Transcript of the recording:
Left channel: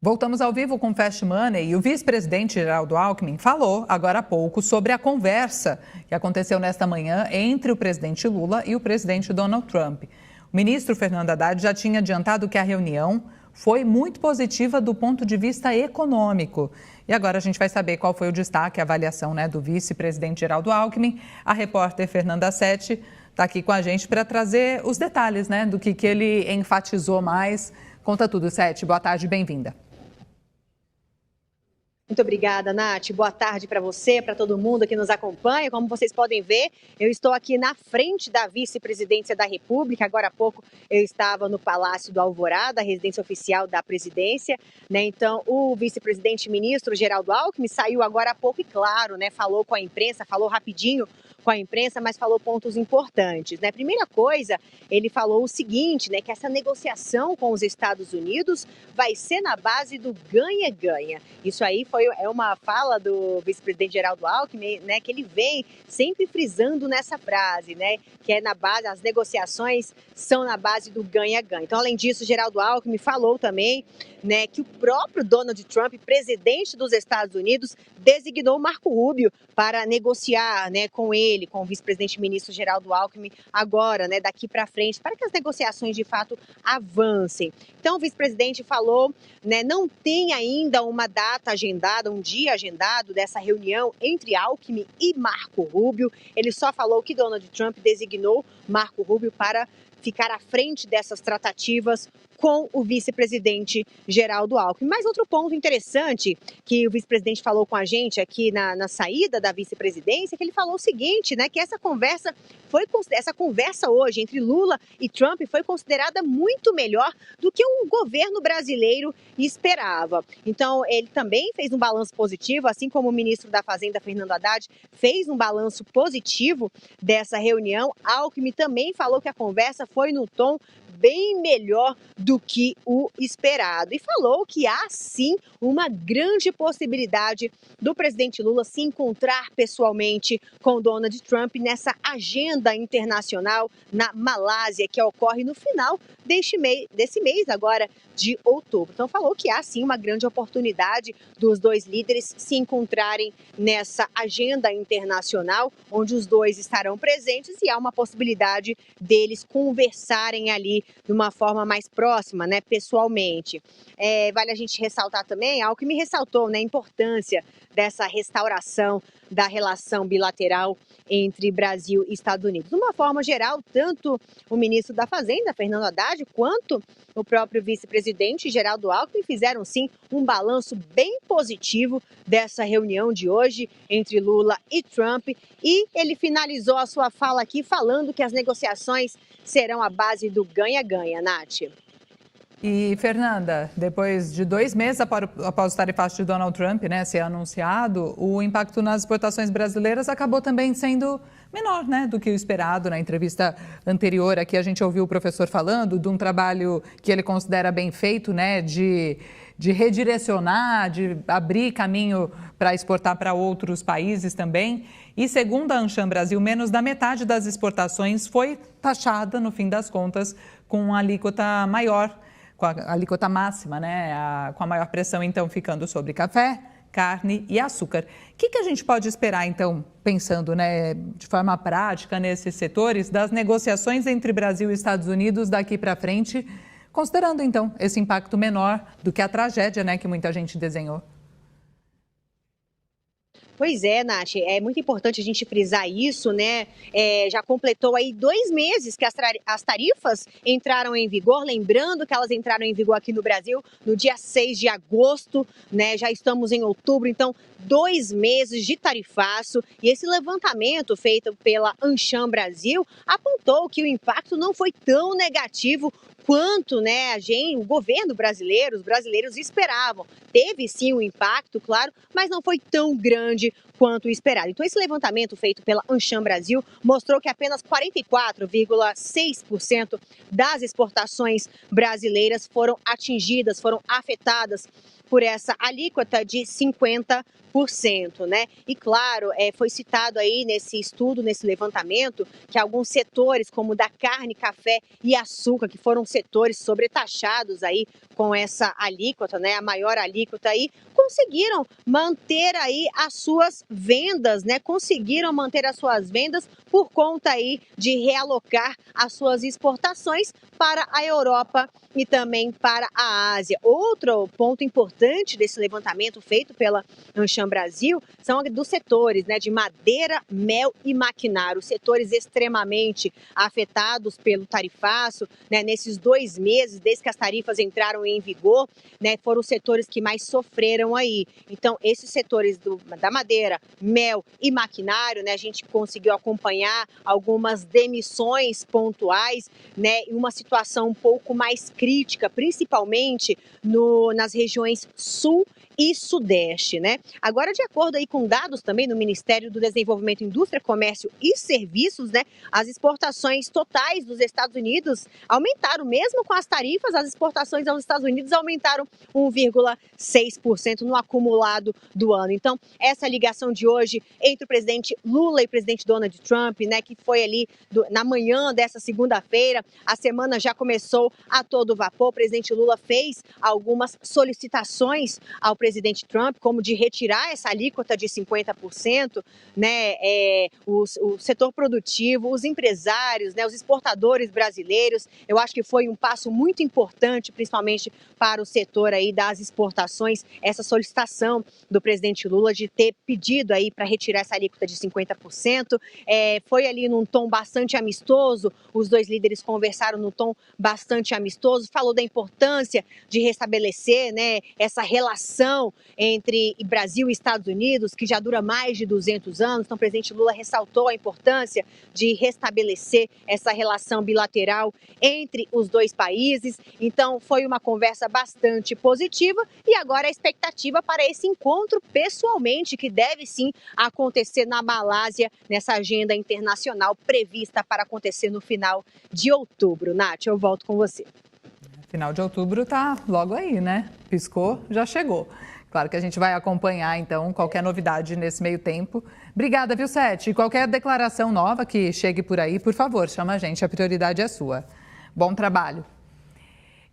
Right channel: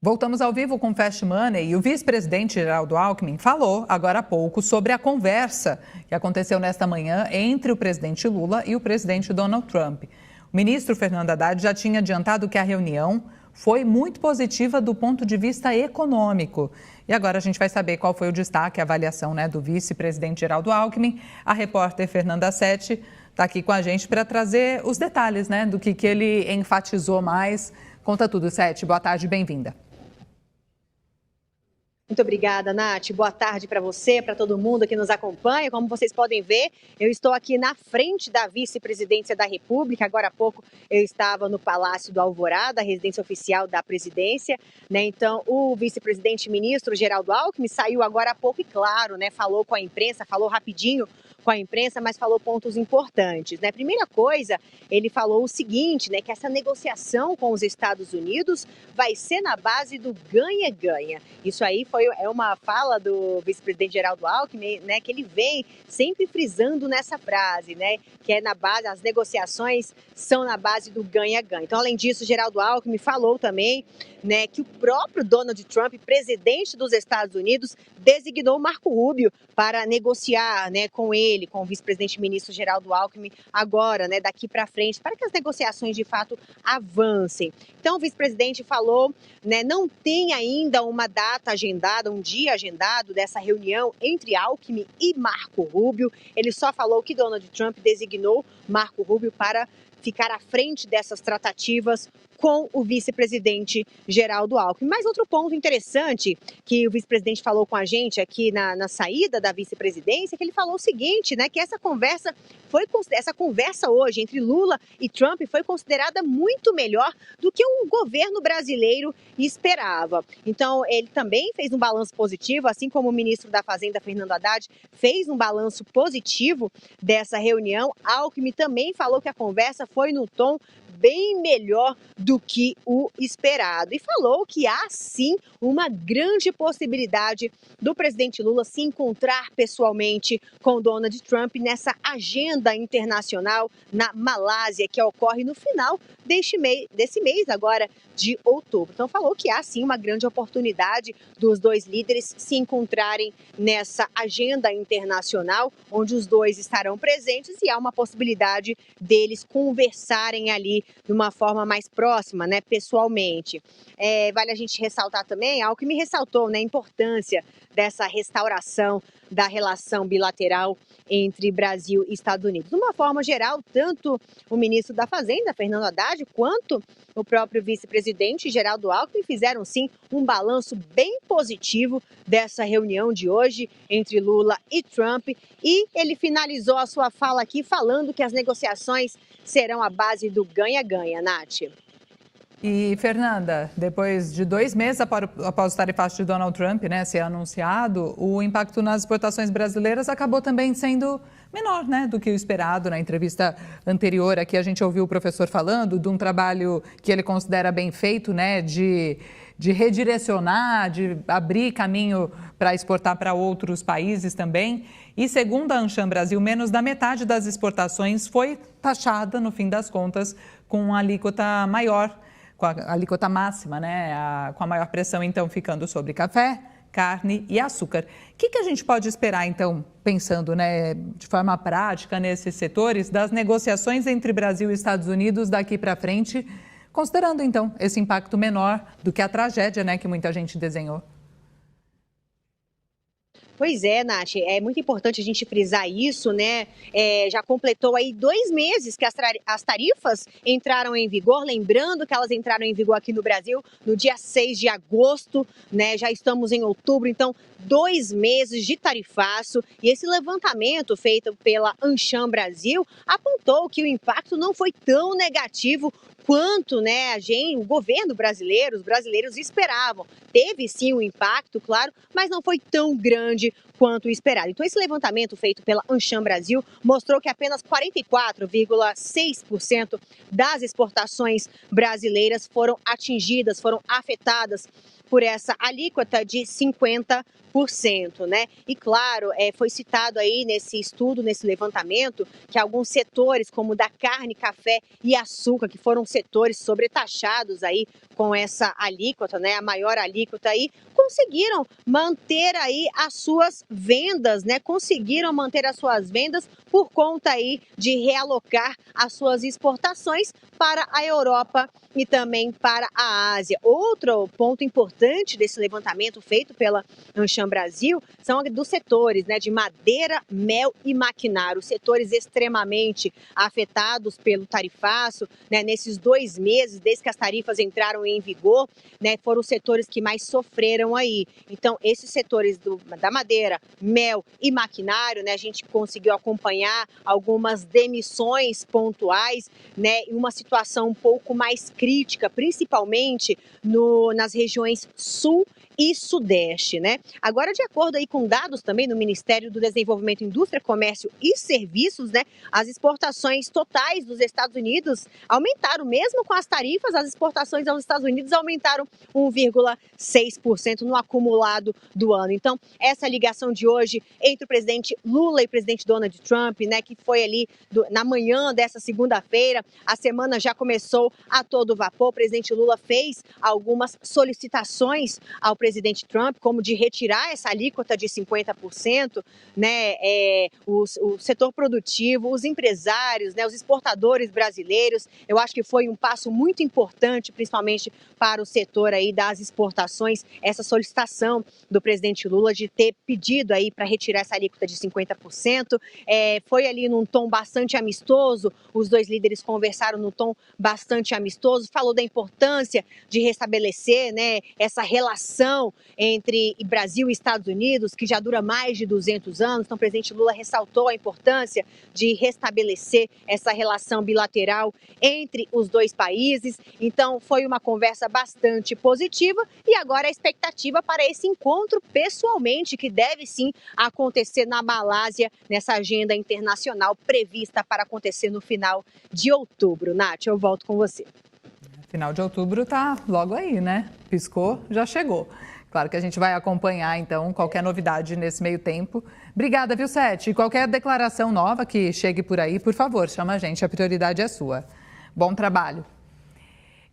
Voltamos ao vivo com Fast Money e o vice-presidente Geraldo Alckmin falou agora há pouco sobre a conversa que aconteceu nesta manhã entre o presidente Lula e o presidente Donald Trump. O ministro Fernando Haddad já tinha adiantado que a reunião foi muito positiva do ponto de vista econômico. E agora a gente vai saber qual foi o destaque, a avaliação do vice-presidente Geraldo Alckmin. A repórter Fernanda Sete está aqui com a gente para trazer os detalhes do que ele enfatizou mais. Conta tudo, Sete. Boa tarde, bem-vinda. Muito obrigada, Nath. Boa tarde para você, para todo mundo que nos acompanha. Como vocês podem ver, eu estou aqui na frente da vice-presidência da República. Agora há pouco eu estava no Palácio do Alvorada, a residência oficial da presidência. Então, o vice-presidente ministro Geraldo Alckmin saiu agora há pouco e, claro, falou com a imprensa, falou rapidinho com a imprensa, mas falou pontos importantes. Primeira coisa, ele falou o seguinte, que essa negociação com os Estados Unidos vai ser na base do ganha-ganha. Isso aí é uma fala do vice-presidente Geraldo Alckmin, que ele vem sempre frisando nessa frase, que é na base, as negociações são na base do ganha-ganha. Então, além disso, Geraldo Alckmin falou também que o próprio Donald Trump, presidente dos Estados Unidos, designou Marco Rubio para negociar com ele, com o vice-presidente ministro Geraldo Alckmin, agora, daqui para frente, para que as negociações de fato avancem. Então, o vice-presidente falou, não tem ainda uma data agendada, um dia agendado dessa reunião entre Alckmin e Marco Rubio. Ele só falou que Donald Trump designou Marco Rubio para ficar à frente dessas tratativas com o vice-presidente Geraldo Alckmin. Mas outro ponto interessante que o vice-presidente falou com a gente aqui na saída da vice-presidência, que ele falou o seguinte, que essa conversa hoje entre Lula e Trump foi considerada muito melhor do que o governo brasileiro esperava. Então, ele também fez um balanço positivo, assim como o ministro da Fazenda, Fernando Haddad, fez um balanço positivo dessa reunião. Alckmin também falou que a conversa foi no tom bem melhor do que o esperado. E falou que há, sim, uma grande possibilidade do presidente Lula se encontrar pessoalmente com Donald Trump nessa agenda internacional na Malásia, que ocorre no final desse mês agora de outubro. Então, falou que há, sim, uma grande oportunidade dos dois líderes se encontrarem nessa agenda internacional, onde os dois estarão presentes e há uma possibilidade deles conversarem ali de uma forma mais próxima, pessoalmente. Vale a gente ressaltar também, algo que me ressaltou, a importância dessa restauração da relação bilateral entre Brasil e Estados Unidos. De uma forma geral, tanto o ministro da Fazenda, Fernando Haddad, quanto o próprio vice-presidente Geraldo Alckmin fizeram, sim, um balanço bem positivo dessa reunião de hoje entre Lula e Trump. E ele finalizou a sua fala aqui falando que as negociações serão a base do ganha-ganha, Nath. E, Fernanda, depois de 2 meses após o tarifaço de Donald Trump ser anunciado, o impacto nas exportações brasileiras acabou também sendo menor do que o esperado. Na entrevista anterior aqui a gente ouviu o professor falando de um trabalho que ele considera bem feito, de redirecionar, de abrir caminho para exportar para outros países também. E segundo a Ancham Brasil, menos da metade das exportações foi taxada, no fim das contas, com a alíquota maior, com a alíquota máxima, com a maior pressão, então, ficando sobre café, carne e açúcar. O que a gente pode esperar, então, pensando de forma prática nesses setores, das negociações entre Brasil e Estados Unidos daqui para frente, considerando, então, esse impacto menor do que a tragédia que muita gente desenhou? Pois é, Nath, é muito importante a gente frisar isso, já completou aí 2 meses que as tarifas entraram em vigor, lembrando que elas entraram em vigor aqui no Brasil no dia 6 de agosto, já estamos em outubro, então 2 meses de tarifaço. E esse levantamento feito pela Ancham Brasil apontou que o impacto não foi tão negativo quanto o governo brasileiro, os brasileiros esperavam. Teve sim um impacto, claro, mas não foi tão grande quanto o esperado. Então, esse levantamento feito pela Ancham Brasil mostrou que apenas 44,6% das exportações brasileiras foram atingidas, foram afetadas por essa alíquota de 50%, né? E claro, foi citado aí nesse estudo, nesse levantamento, que alguns setores, como o da carne, café e açúcar, que foram setores sobretaxados aí com essa alíquota, né? A maior alíquota aí, conseguiram manter aí as suas vendas, né? Conseguiram manter as suas vendas por conta aí de realocar as suas exportações para a Europa e também para a Ásia. Outro ponto importante desse levantamento feito pela Ancham Brasil são dos setores, né, de madeira, mel e maquinário, setores extremamente afetados pelo tarifaço, né, nesses 2 meses, desde que as tarifas entraram em vigor, né, foram os setores que mais sofreram aí. Então, esses setores da madeira, mel e maquinário, né, a gente conseguiu acompanhar algumas demissões pontuais, né, e uma situação um pouco mais crítica, principalmente nas regiões sul e sudeste, né? Agora, de acordo aí com dados também do Ministério do Desenvolvimento, Indústria, Comércio e Serviços, né, as exportações totais dos Estados Unidos aumentaram, mesmo com as tarifas, as exportações aos Estados Unidos aumentaram 1,6% no acumulado do ano. Então, essa ligação de hoje entre o presidente Lula e o presidente Donald Trump, né, que foi ali na manhã dessa segunda-feira, a semana já começou a todo vapor. O presidente Lula fez algumas solicitações ao presidente Trump, como de retirar essa alíquota de 50%, né, o setor produtivo, os empresários, né, os exportadores brasileiros. Eu acho que foi um passo muito importante, principalmente para o setor aí das exportações, essa solicitação do presidente Lula de ter pedido aí para retirar essa alíquota de 50%. Foi ali num tom bastante amistoso, os dois líderes conversaram num tom bastante amistoso, falou da importância de restabelecer, né, essa relação entre Brasil e Estados Unidos, que já dura mais de 200 anos. Então, o presidente Lula ressaltou a importância de restabelecer essa relação bilateral entre os dois países. Então, foi uma conversa bastante positiva e agora a expectativa para esse encontro pessoalmente, que deve sim acontecer na Malásia, nessa agenda internacional prevista para acontecer no final de outubro. Nath, eu volto com você. Final de outubro tá logo aí, né? Piscou, já chegou. Claro que a gente vai acompanhar, então, qualquer novidade nesse meio tempo. Obrigada, viu, Sete? E qualquer declaração nova que chegue por aí, por favor, chama a gente, a prioridade é sua. Bom trabalho.